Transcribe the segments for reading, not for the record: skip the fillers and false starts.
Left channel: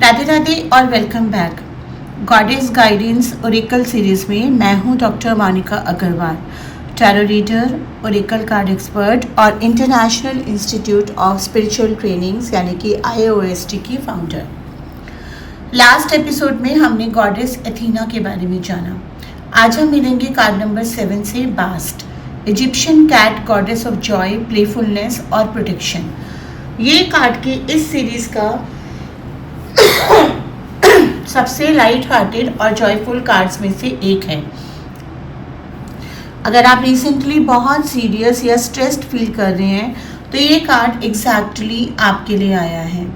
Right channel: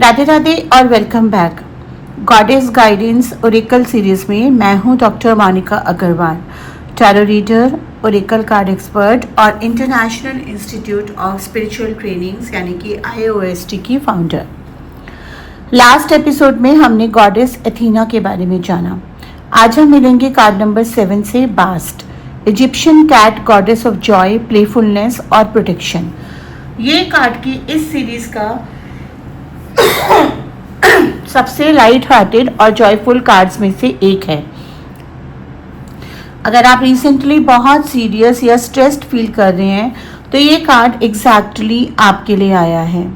राधे राधे और welcome back. Goddess guidance oracle series में मैं हूं doctor Monika Agarwal, tarot reader, oracle card expert और international institute of spiritual trainings यानी कि IOST की फाउंडर। लास्ट एपिसोड में हमने गॉडेस एथीना के बारे में जाना। आज हम मिलेंगे कार्ड नंबर 7 से Bast, Egyptian cat, goddess of joy, playfulness और प्रोटेक्शन। ये कार्ड की इस सीरीज का सबसे लाइट हार्टेड और जॉयफुल कार्ड्स में से एक है। अगर आप रिसेंटली बहुत सीरियस या स्ट्रेस्ड फील कर रहे हैं तो ये कार्ड एग्जैक्टली आपके लिए आया है।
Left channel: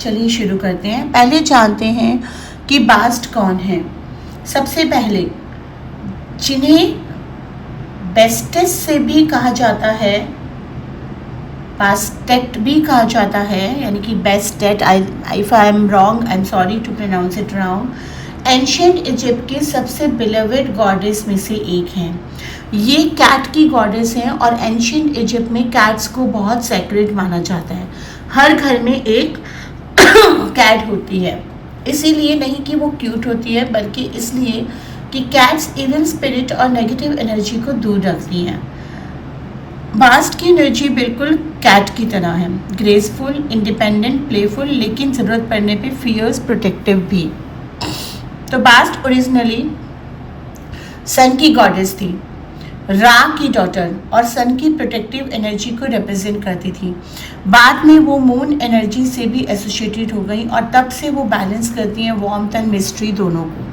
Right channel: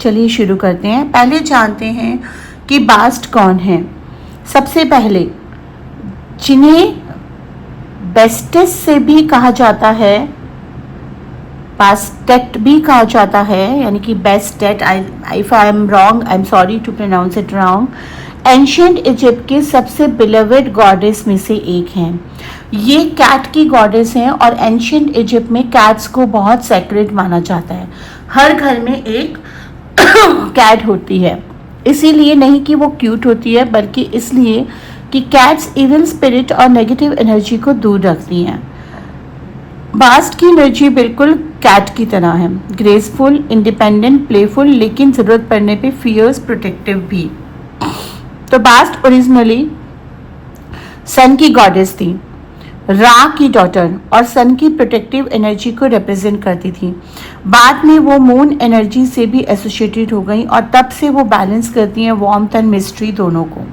चलिए शुरू करते हैं। पहले जानते हैं कि बास्ट कौन है। सबसे पहले जिन्हें बेस्टेस से भी कहा जाता है, बास्टेट भी कहा जाता है, यानी कि Bastet, if I am wrong I am sorry to pronounce it wrong. Ancient Egypt के सबसे बिलवेड गॉडेस में से एक हैं। ये कैट की गॉडेस हैं और एंशिएंट इजिप्ट में कैट्स को बहुत सेक्रेड माना जाता है। हर घर में एक कैट होती है, इसीलिए नहीं कि वो क्यूट होती है, बल्कि इसलिए कि कैट्स इविल स्पिरिट और नेगेटिव एनर्जी को दूर रखती हैं। बास्ट की एनर्जी बिल्कुल कैट की तरह है, ग्रेसफुल, इंडिपेंडेंट, प्लेफुल, लेकिन ज़रूरत पड़ने पे फियर्स, प्रोटेक्टिव भी। तो बास्ट ओरिजिनली सन की गॉडेस थी, रा की डॉटर, और सन की प्रोटेक्टिव एनर्जी को रिप्रेजेंट करती थी। बाद में वो मून एनर्जी से भी एसोसिएटेड हो गई और तब से वो बैलेंस करती हैं वार्मथ एंड मिस्ट्री दोनों को।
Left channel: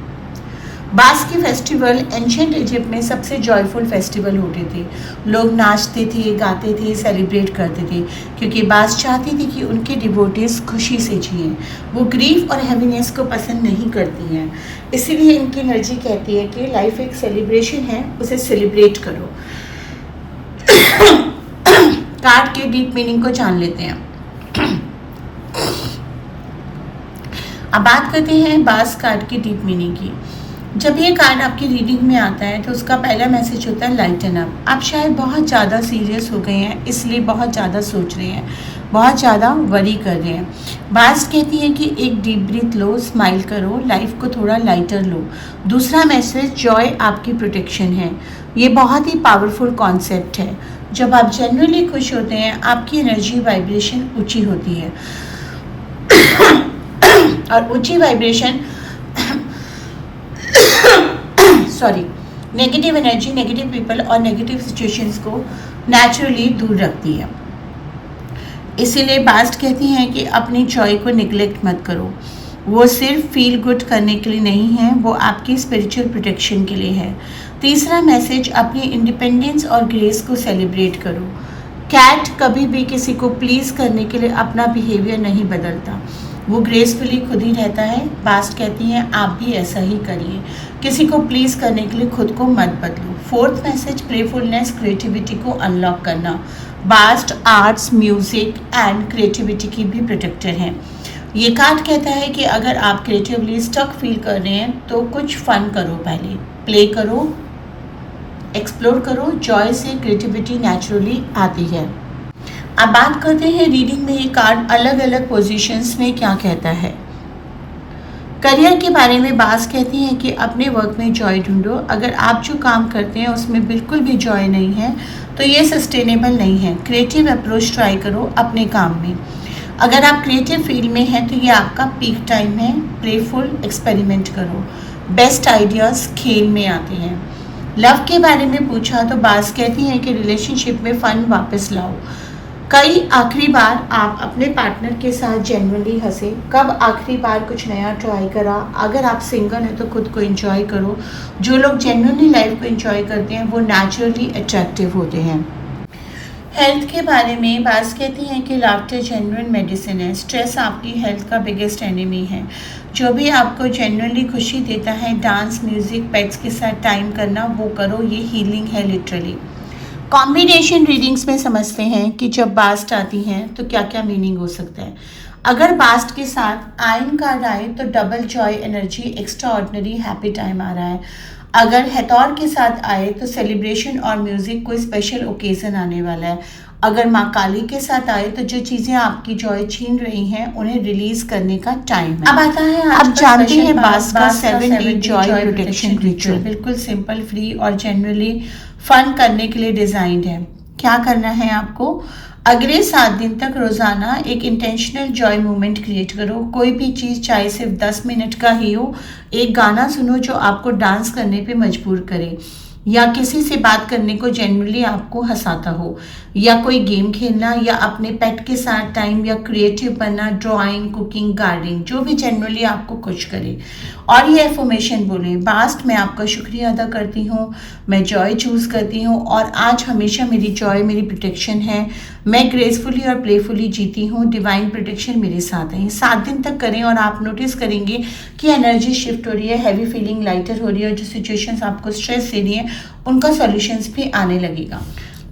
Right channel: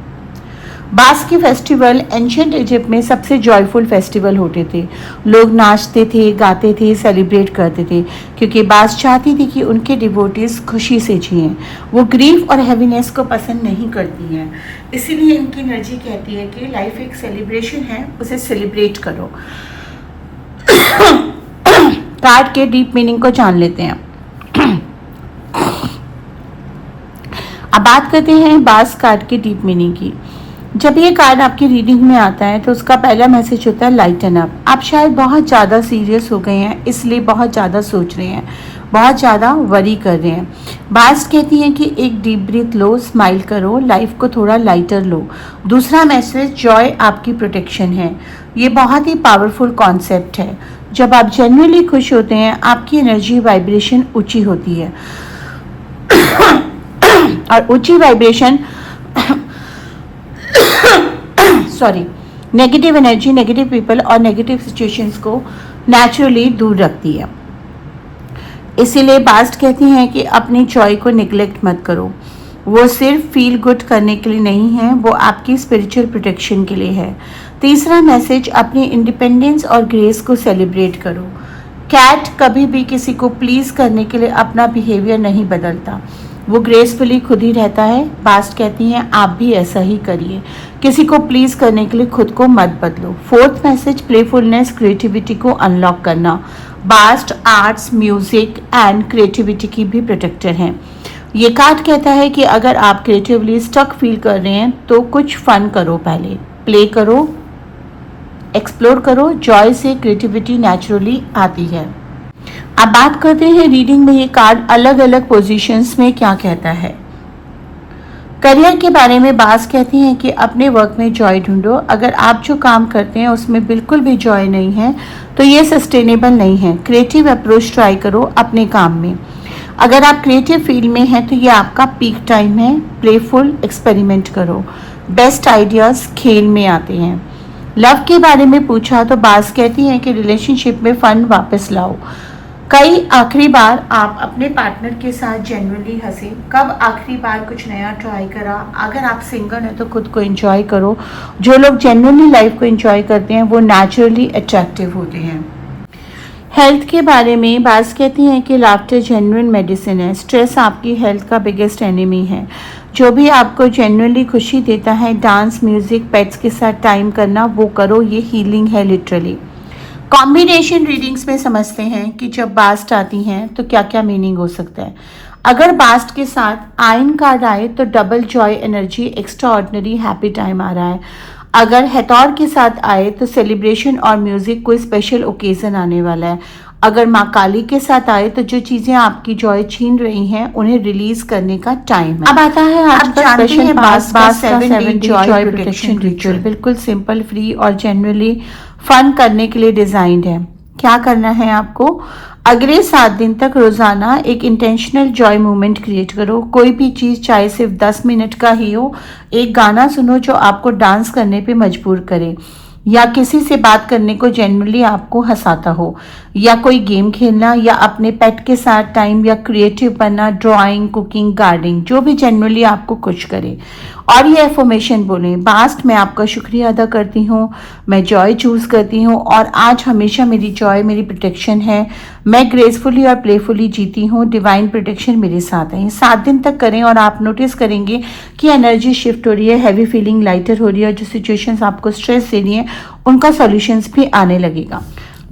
बास्ट के फेस्टिवल एंशिएंट इजिप्ट में सबसे जॉयफुल फेस्टिवल होते थे। लोग नाचते थे, गाते थे, सेलिब्रेट करते थे, क्योंकि बास्ट चाहती थी कि उनके डिवोटीज खुशी से जिएं। वो ग्रीफ और हैवीनेस को पसंद नहीं करती हैं, इसीलिए इनकी एनर्जी कहती है कि लाइफ एक सेलिब्रेशन है, उसे सेलिब्रेट करो। कार्ड के डीप मीनिंग को जान लेते हैं। अब बात करते हैं बास्ट कार्ड के डीप मीनिंग की। जब ये कार्ड आपकी रीडिंग में आता है तो उसका पहला मैसेज होता है लाइटन अप। आप शायद बहुत ज़्यादा सीरियस हो गए हैं, इसलिए बहुत ज़्यादा सोच रहे हैं, बहुत ज़्यादा वरी कर रहे हैं। बास्ट कहती है कि एक डीप ब्रीथ लो, स्माइल करो, लाइफ को थोड़ा लाइटर लो। दूसरा मैसेज जॉय आपकी प्रोटेक्शन है। ये बहुत ही पावरफुल कॉन्सेप्ट है। जब आप जेन्युइनली खुश होते हैं आपकी एनर्जी वाइब्रेशन ऊँची होती है और ऊँची vibration negative energy, negative people और नेगेटिव सिचुएशंस को नेचुरली दूर रखती है। इसीलिए बास्ट कहती हैं कि अपनी जॉय को निगलेक्ट मत करो। वो सिर्फ फील गुड करने के लिए नहीं है, वो आपकी स्पिरिचुअल प्रोटेक्शन के लिए है। तीसरा मैसेज, अपनी इंडिपेंडेंस और ग्रेस को सेलिब्रेट करो। कैट कभी भी किसी को प्लीज करने के लिए अपना बिहेवियर नहीं बदलता, वो ग्रेसफुली खुद ही रहता है। बास्ट कहती हैं आप भी ऐसा ही करिए, किसी को प्लीज करने के लिए खुद को मत बदलो। फोर्थ मैसेज, प्लेफुलनेस, क्रिएटिविटी को अनलॉक करना। Bast arts, music and creativity की भी प्रोटेक्टर हैं। ये कार्ड कहता है कि अगर आप क्रिएटिवली स्टक फील कर रहे हैं तो कुछ फन करो, पहले प्ले करो, एक्सप्लोर करो। जॉय से क्रिएटिविटी नेचुरली आती है। अब बात करते हैं रीडिंग में ये कार्ड अलग अलग पोजीशंस में क्या कहता है। करियर के बारे में बात कहती हैं कि अपने वर्क में जॉय ढूंढो। अगर आप जो काम करते हैं उसमें बिल्कुल भी जॉय नहीं है तो ये सस्टेनेबल नहीं है। क्रिएटिव अप्रोच ट्राई करो अपने काम में। अगर आप क्रिएटिव फील्ड में हैं तो ये आपका पीक टाइम है। प्लेफुल एक्सपेरिमेंट करो। बेस्ट आइडियाज खेल में आते हैं। लव के बारे में पूछा तो बात कहती हैं कि रिलेशनशिप में फन वापस लाओ। कई आखिरी बार आप अपने पार्टनर के साथ जेन्युइनली हंसे, कब आखिरी बार कुछ नया ट्राई करा। अगर आप सिंगल हैं तो खुद को एंजॉय करो। जो लोग जेन्युइनली लाइफ को एंजॉय करते हैं वो नेचुरली अट्रैक्टिव होते हैं। हेल्थ के बारे में बात कहती हैं कि लाफ्टर जेन्युइन मेडिसिन है। स्ट्रेस आपकी हेल्थ का बिगेस्ट एनिमी है। जो भी आपको जेन्युइनली खुशी देता है, डांस, म्यूजिक, पेट्स के साथ टाइम करना, वो करो। ये हीलिंग है लिटरली। कॉम्बिनेशन रीडिंग्स में समझते हैं कि जब बास्ट आती हैं तो क्या क्या मीनिंग हो सकता है। अगर बास्ट के साथ आयन कार्ड आए तो double joy energy, extraordinary happy time आ रहा है। अगर हैथौर के साथ आए तो सेलिब्रेशन और म्यूजिक, कोई स्पेशल ओकेजन आने वाला है। अगर माँ काली के साथ आए तो जो चीजें आपकी जॉय छीन रही हैं उन्हें रिलीज करने का टाइम है। अब आता है आप जानते हैं बास का 7 डे जॉय प्रोटेक्शन रिचुअल, बिल्कुल सिंपल, फ्री और जनरली फन करने के लिए डिजाइंड है। क्या करना है आपको, अगले 7 दिन तक रोजाना एक इंटेंशनल जॉय मोमेंट क्रिएट करो। कोई भी चीज, चाहे सिर्फ 10 मिनट का ही हो। एक गाना सुनो जो आपको डांस करने पे मजबूर करे, या किसी से बात करने को जेन्युइनली आपको हंसाता हो, या कोई गेम खेलना, या अपने पेट के साथ टाइम, या क्रिएटिव बनना, ड्राइंग, कुकिंग, गार्डनिंग, जो भी जेन्युइनली आपको खुश करे। और ये एफर्मेशन बोलें, पास्ट मैं आपका शुक्रिया अदा करती हूँ, मैं जॉय चूज करती हूँ और आज हमेशा मेरी जॉय मेरी प्रोटेक्शन है। मैं ग्रेसफुली और प्लेफुली जीती हूँ, डिवाइन प्रोटेक्शन मेरे साथ है। 7 दिन तक करें और आप नोटिस करेंगे कि एनर्जी शिफ्ट हो रही है, हैवी फीलिंग लाइटर हो रही है, और जो सिचुएशंस आपको स्ट्रेस दे रही हैं उनका सॉल्यूशंस भी आने लगेगा।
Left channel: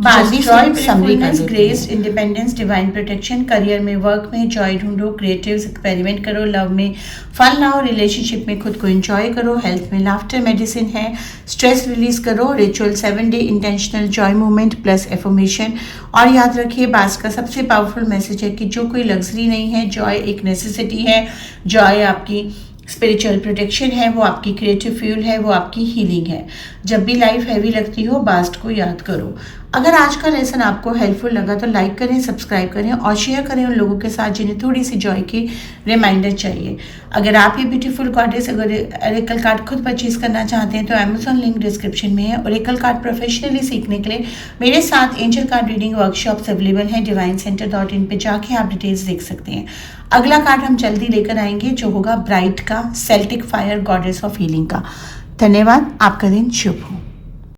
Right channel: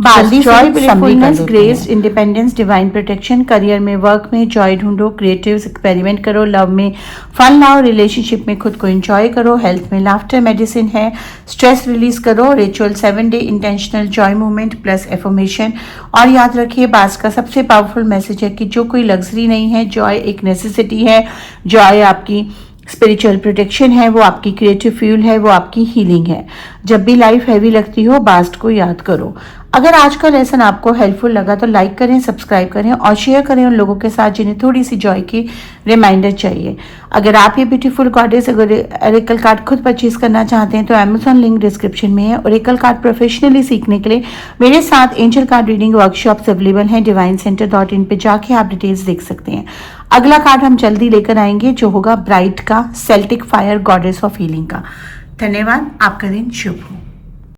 Grace, independence, divine protection. Career में, वर्क में जॉय ढूंढो, क्रिएटिव एक्सपेरिमेंट करो, लव में फन लाओ, रिलेशनशिप में खुद को एंजॉय करो, हेल्थ में लाफ्टर मेडिसिन है, स्ट्रेस रिलीज करो, ritual 7 day intentional Joy movement plus affirmation. और याद रखिए, बास का सबसे पावरफुल मैसेज है कि जो कोई लग्जरी नहीं है, जॉय एक नेसेसिटी है। जॉय आपकी स्पिरिचुअल प्रोटेक्शन है, वो आपकी क्रिएटिव फ्यूल है, वो आपकी हीलिंग है। जब भी लाइफ हैवी लगती हो, बास्ट को याद करो। अगर आज का लेसन आपको हेल्पफुल लगा तो लाइक करें, सब्सक्राइब करें और शेयर करें उन लोगों के साथ जिन्हें थोड़ी सी जॉय की रिमाइंडर चाहिए। अगर आप ये ब्यूटीफुल गॉडेस ओरेकल कार्ड खुद परचेज करना चाहते हैं तो अमेजॉन लिंक डिस्क्रिप्शन में है। ओरेकल कार्ड प्रोफेशनली सीखने के लिए मेरे साथ angel card reading workshops available हैं। divinecenter.in पे जाके आप डिटेल्स देख सकते हैं। अगला कार्ड हम जल्दी लेकर आएंगे जो होगा ब्राइट का, Celtic fire goddess of healing का। धन्यवाद, आपका दिन शुभ हो।